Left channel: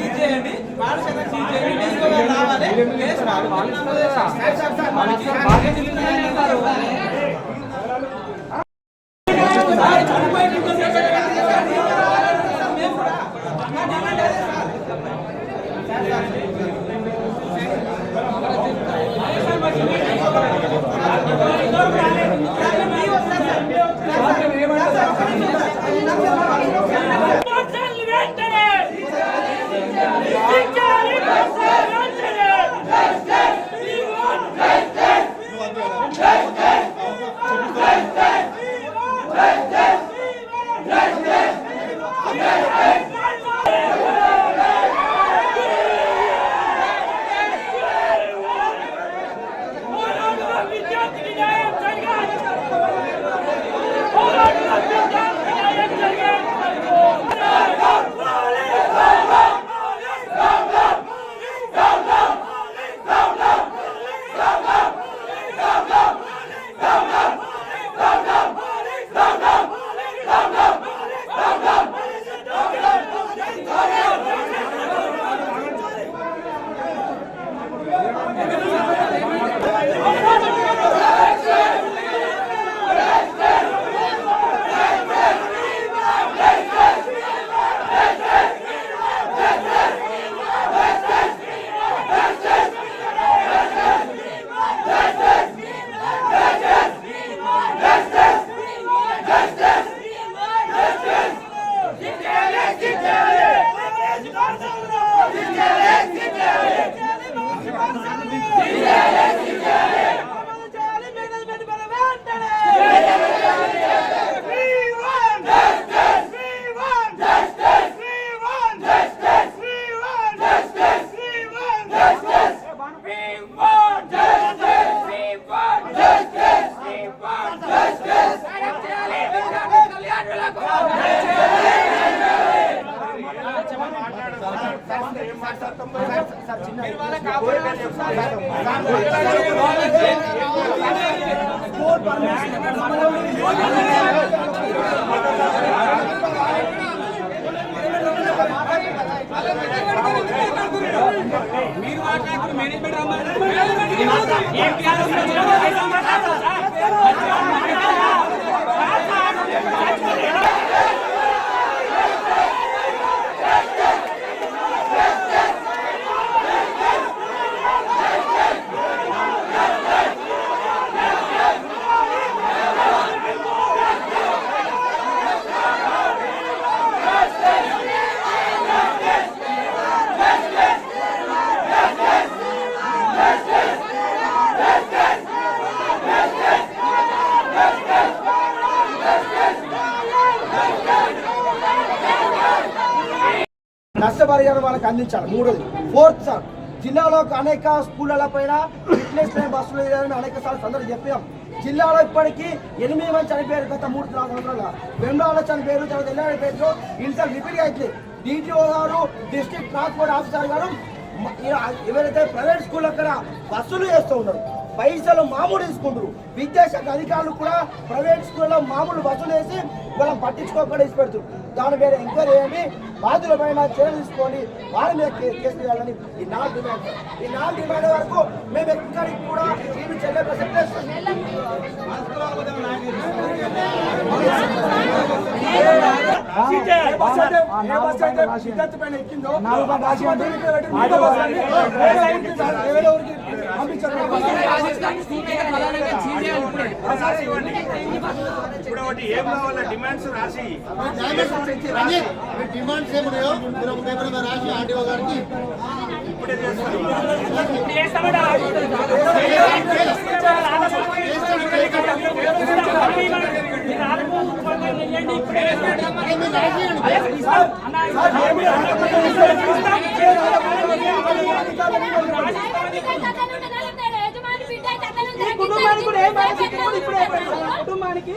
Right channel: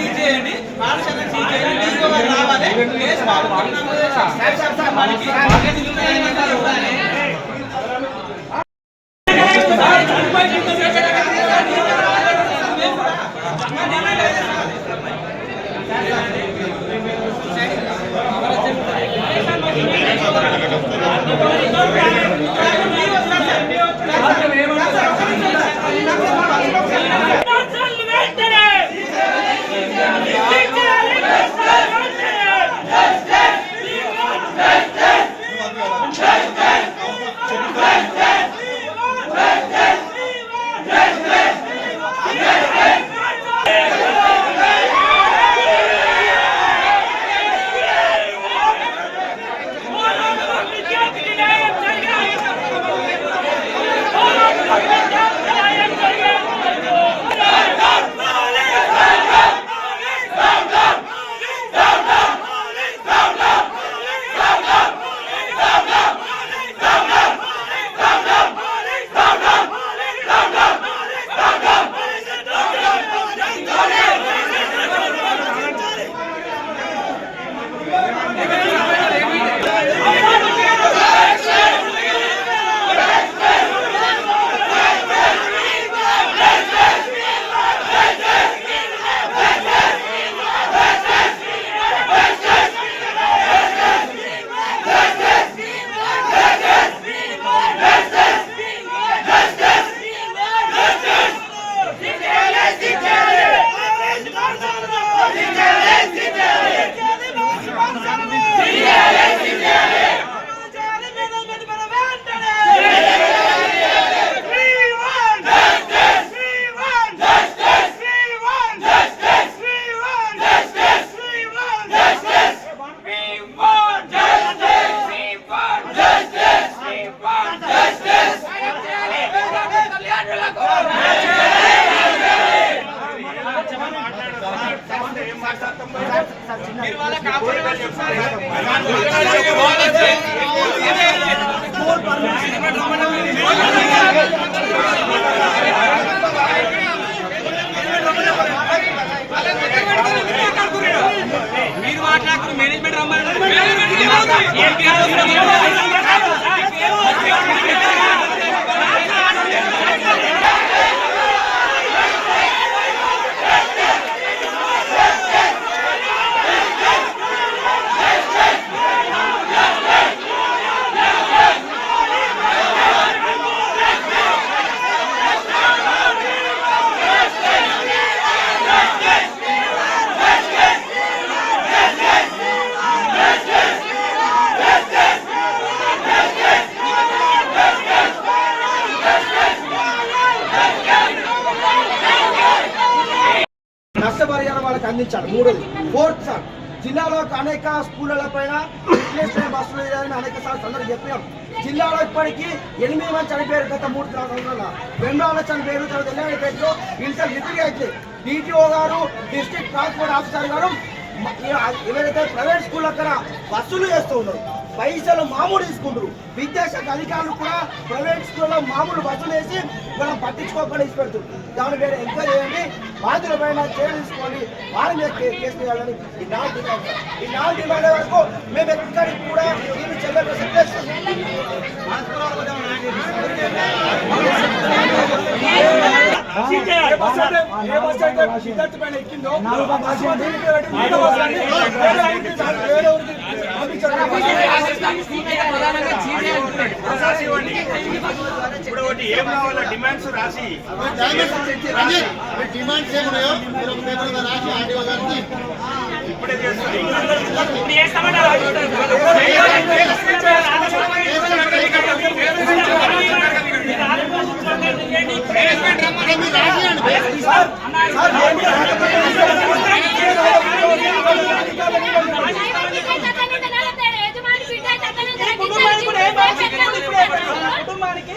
Seize చేయండి పాఠశాల రావాలి మీరు మాట్లాడుతున్న మేనేజ్మెంట్ రమ్మని నష్టపరిహారం వాళ్ళకి అందించాలి. మూడోది ఫోర్త్ సార్ జిల్లాలో అనేక స్కూళ్ళ పైన ఫిట్నెస్ బస్సులు లేదని అనేక సార్లు అందరూ చెప్పాం జిల్లాలో ఇప్పటికీ ఎనిమిది మంది చనిపోయారు గత మూడు సంవత్సరాల వెంబడాలో చనిపోయారు తర్వాత ఎల్లాడిపేటలో ఇంటర్ రిపేర్ అయితే DTO garu district transport officer garu ఎవరైతే ప్రైవేట్ స్కూల్ అక్కడ బస్సులు చేస్తూ ఉన్నారు పైసలు మామూలు తీసుకుంటారు విద్యాశాఖ అధికారులు కూడా ప్రైవేట్ స్కూల్లో మామూలు వసూలు వేసి మనం పట్టించుకోకుండా ఇచ్చి పెడుతుంది దాని మీద ఎంక్వైరీ చేయండి బాధ్యుల పైన చర్య తీసుకోండి వారి మీద కేసు వేయాలని ఈ నాలుగు డిమాండ్. ఈ నాలుగు డిమాండ్ వరకు మేము ఎక్కడికి కూడా వీళ్ళు చెల్లె చేస్తాం శిక్షించాలి ఇప్పుడు ఒకటి ఏం కావాలా డిమాండ్స్ రాసి. డిమాండ్స్ ఏమున్నాయో మీరు ఒక పేపర్ మీద రాసి ఆర్డీఓ గారికి ఇప్పుడే చేస్తాం రాసియండి కుటుంబానికి కూడా ఏం బాధ్యత ఇప్పుడు ఇప్పుడే పెట్టాలి. కుటుంబానికి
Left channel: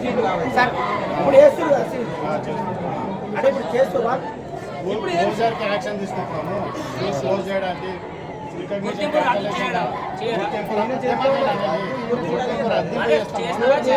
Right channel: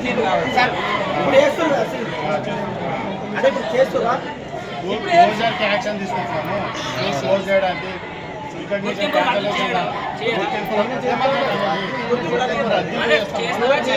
మీరు సార్ ఇప్పుడు వేస్తున్నారు కదా సీన్. అంటే ఇప్పుడు చేస్తున్నా ఇప్పుడు రోజుకి యాక్షన్ తీసుకుంటున్నాము క్లోజ్ చేయడానికి గుర్తింపు రద్దు చేయడం సార్ అది ఇది రాదు అని ఇంకో కాపాడు వెయిట్ చేస్తామా గుర్తింపు రద్దు చేయండి ఆ బస్సులో ఉన్న పోలీస్ స్టేషన్ తరలించండి అది అలాగే కాదు. ఇంట్లో ఉన్న పిల్లలు కూడా ఆల్రెడీ ఉంచండి ఇంట్లో ఉన్న పిల్లలు కూడా ఆల్రెడీ ఉంచండి ఎందుకంటే ఇలా స్కూల్ సీనియర్ కదా, పిల్లల పరిస్థితి కూడా భయమే.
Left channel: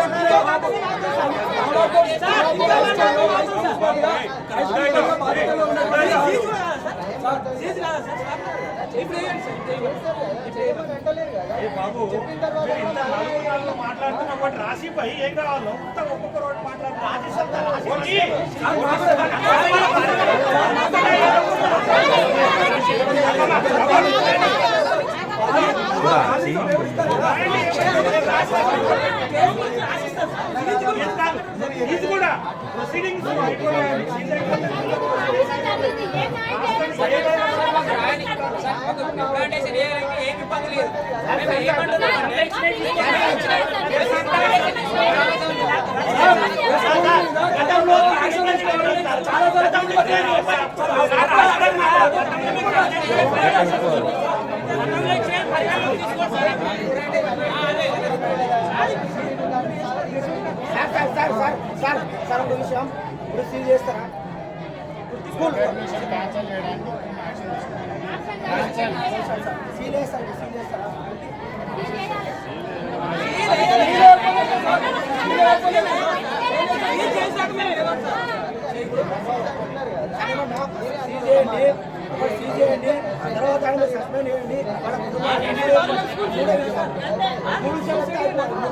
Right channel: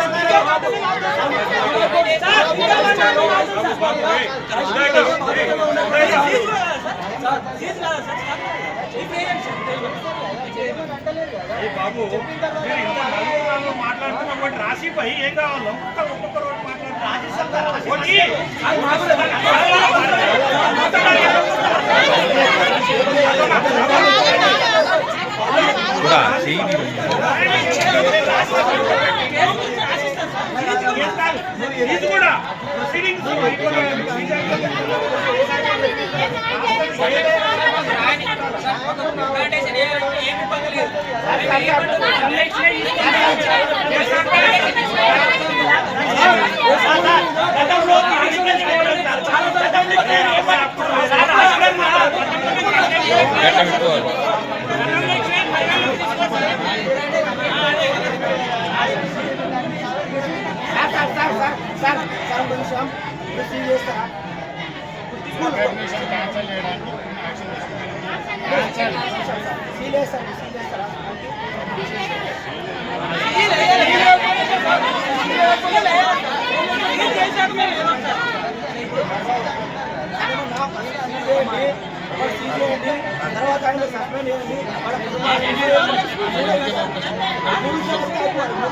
బాబు మీరు ఇంత నలుగురు నలుగురు మాట్లాడుతున్నా ఒకటి రాసిపోయి ఏం కావాలో మొత్తం ఒక్కొక్కరు ఒకటి మాట్లాడుతున్నారు రాసిస్తా రాసి కూడా చెయ్యి ఇది కూడా ప్రొసీడింగ్స్ గట్ట sir sir sir sir sir ఒక నిమిషం ఇప్పుడు సీన్ చేస్తారా? సీల్ వేస్తారా సీల్. ఏమన్నా సీల్ చేయండి ఒకటి సీల్ చేయండి. తర్వాత ఆయన సస్పెండ్ చేయండి. వాళ్ళ కుటుంబాన్ని మూడు అయిపోవాలి మూడు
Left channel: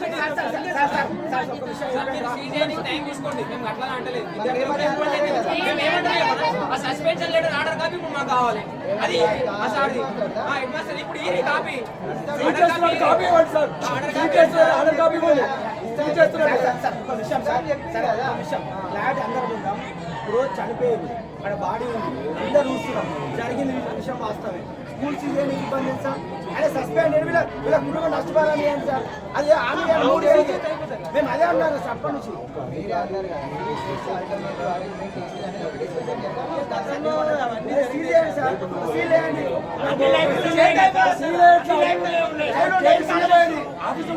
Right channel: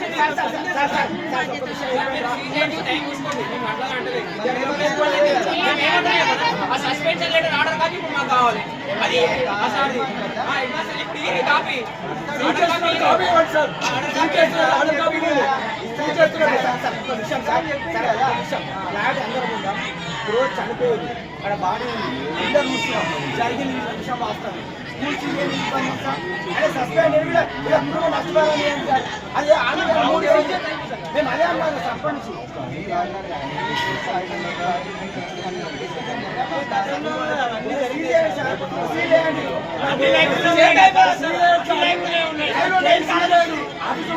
సస్పెన్షన్ లెటర్ ఆర్డర్ కాపీ ఇప్పుడు మాకు కావాలి అది సార్ ఇప్పుడు ఈ కాపీ కాపీ ఇవ్వండి సార్ ఆర్డర్ కాపీ ఇవ్వండి విషయం ఇప్పుడు చనిపోయింది. అక్కడ బాడీ ఉంది. అందరూ చూస్తున్నాం. జరిగింది విషయం వాస్తవం. స్కూల్ ఇబ్బంది సార్ అదే సస్పెండ్ వీళ్ళ కుటుంబం నష్టపోవాలని సార్ అదే ఆమె మూడు మేము అదే అన్నాము సర్పంచ్ అప్పటి నుంచి సీల్ చేయండి సార్ సీల్ చేయండి సీల్ చేయండి సీల్ చేయండి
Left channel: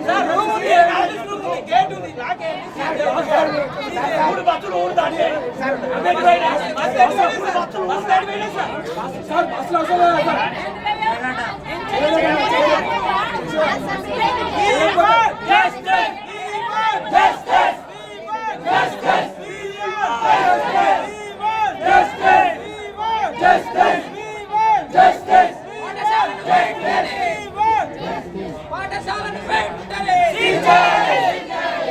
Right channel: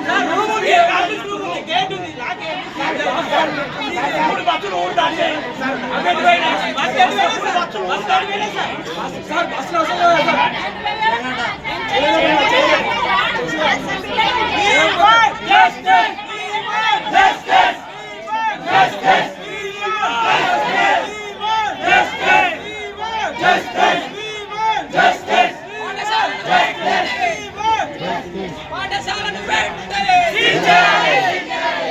సార్ రూమ్ ఉంది ఆఫీస్ రూమ్ ఉంది గేట్ ఉంది లాక్ మూడు బస్సులు ఉంటాయి బస్ ఎటు పోయినా సార్ బస్ ఎటు పోయినా సార్ సార్ బస్సులో వస్తలేదు సార్ పాఠశాలను వెంటనే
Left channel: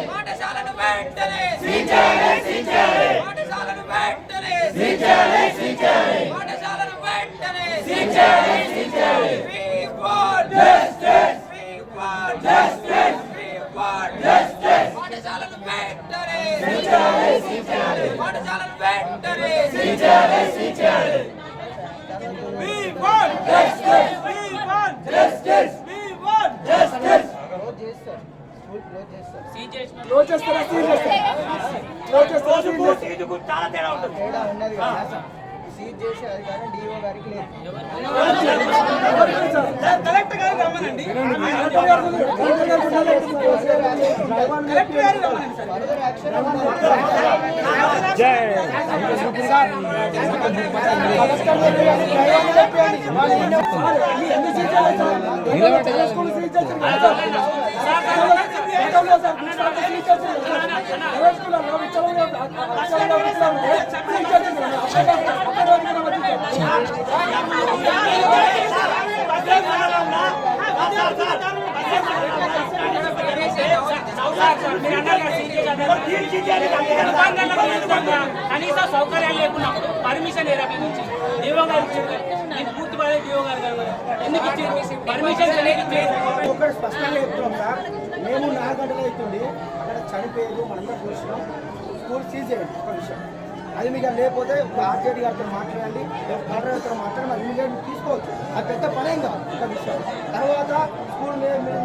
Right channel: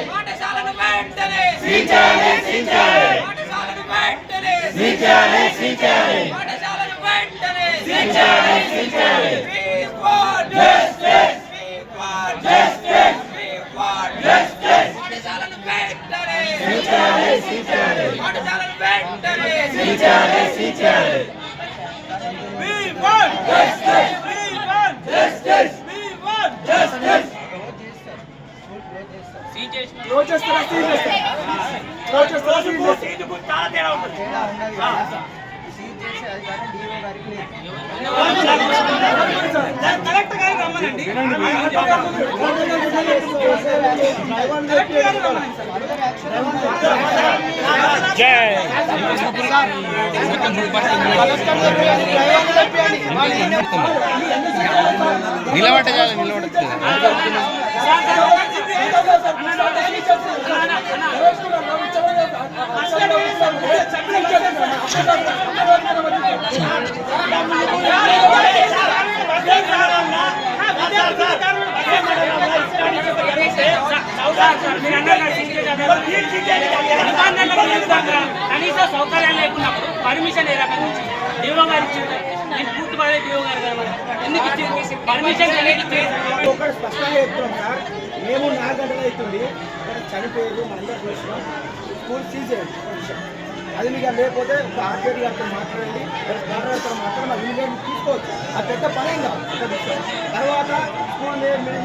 పాఠశాలను వెంటనే పాఠశాలను పాఠశాలను వెంటనే. We want justice. We want justice. We want justice. Want justice. Close చేస్తారా ఇది చాలా తేడా ఉంటుంది. కలెక్టర్ గారు రమ్మనండి. కలెక్టర్ గారు రమ్మనండి. సార్ నిలబట్ట చాలు నిలబడుతుంది సార్ మీరు అన్నారు సీరియస్ కనీసం సౌకర్యాలు లేకున్నప్పుడు పర్మిషన్ ఏ రకంగా ఇచ్చింది డిఓ గారు ఇచ్చింది నేను పూర్తి పడే డిఓ గారు కదా ఎందుకు ఇచ్చింది పర్మిషన్ అనేది ఇచ్చేది ఒకటి స్పష్టంగా చెప్తున్నాం సార్ మేము నాలుగు గంటలు అవుతుంది అక్కడ చనిపోయేది మనందరూ చూసినాం స్కూల్ సీజ్ విషయం అది మీకు లేకపోతే ఒక ఆర్జేడీ గారితో మాట్లాడండి మాట్లాడితో మాట్లాడి మరి ఇమీడియట్ తీసుకోవచ్చు అది పెద్ద పనేం కాదు ఒక విషయం తర్వాత స్కూల్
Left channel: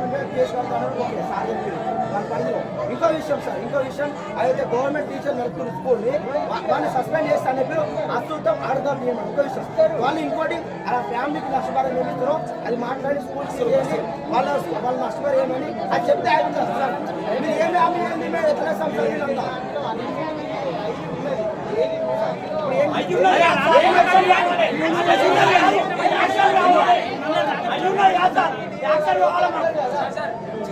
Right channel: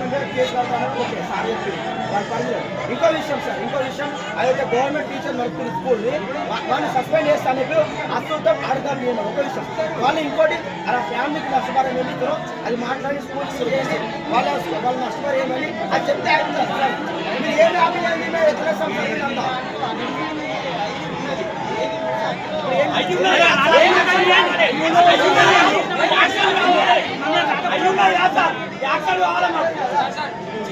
మీద కేసు కడతాను ఓకే సార్ చెప్పింది వాళ్ళ పనిలో ఇంకో విషయం సార్ ఇంకో విషయం. అదైతే గవర్నమెంట్ టీచర్ నడుపుతున్న స్కూల్ని వాళ్ళని సస్పెండ్ చేస్తాను చెప్పి అసలుతో అడగాలి నేను ఒక విషయం వాళ్ళు ఇంకోటి అలా ఫ్యామిలీకి నష్టపరం ఏమిస్తారో అది మాట్లాడి స్కూల్ చేసి వాళ్ళ వాళ్ళ నష్టపరం ఏమని అది చెప్తే అయిపోతుంది సార్. మీరు ఏం ఆపిందండి మీరు ఎట్లా సంపాదించి అంతా? ఏం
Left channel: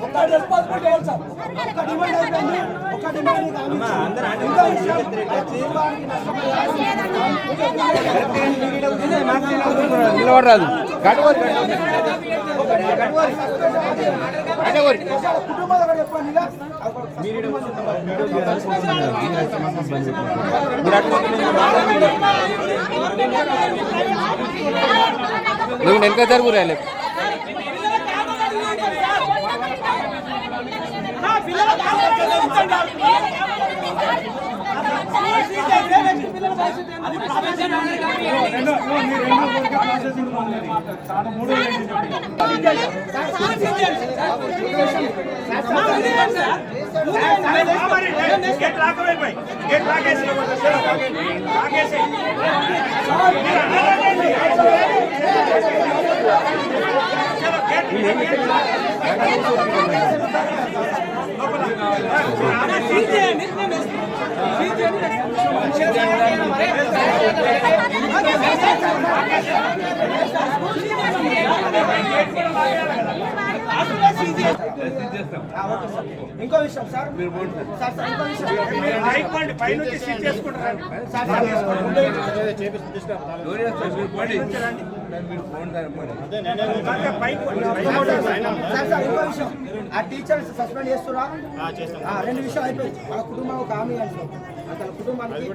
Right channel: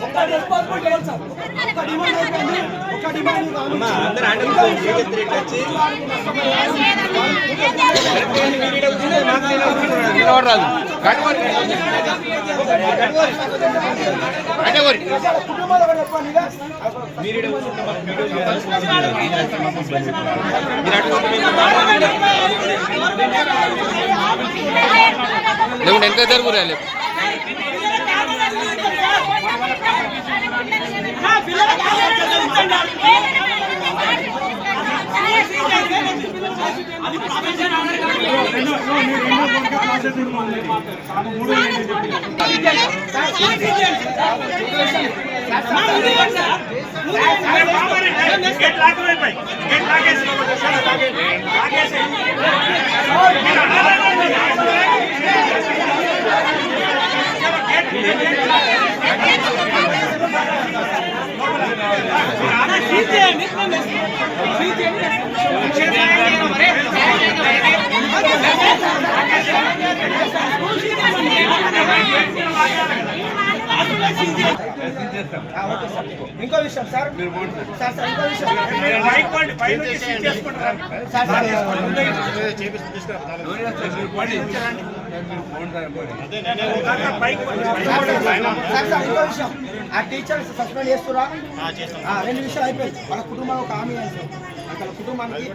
కట్టుకోరు మీరు అటుకోరు వచ్చిన వాళ్ళందరూ ఇడే కూర్చుంటే మేము ఇటు కూర్చుంటాం. మీరు ఆగు, మీరు అక్కడ ఏం చేస్తారు ఈడ? వాళ్ళు కూర్చున్నారు కదా. కట్టుకోరు ఒక రెస్పాన్సిబిలిటీ ఏంటి సార్ ఒక డిమాండ్ అయిపోయింది ఒక డిమాండ్ నిలబడరాదు కుటుంబాలు చెప్పండి. నువ్వు వెనక జరుగు రాలే గేట్ లాక్ అయిపోయి గేట్ లాగేసి లాగేసి ఇంకో విషయం సార్. సార్ సార్ ఇంకో విషయం రైట్ పాయింట్ పై నుంచి సీట్ చేసుకుంటారు. సార్ సార్ ఇంకో విషయం ఆ టీచర్ సస్పెండ్ చేస్తురా రెండు విషయాలు అయిపోయింది వాళ్ళ కుటుంబం ఒక హామీ అని సార్ వాళ్ళ కుటుంబానికి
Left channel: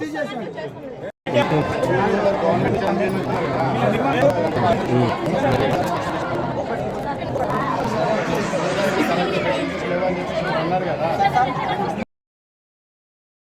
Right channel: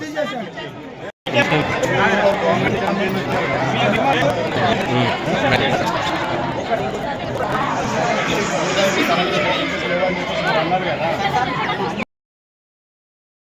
తీసేసేయండి ఉన్నారు కదా.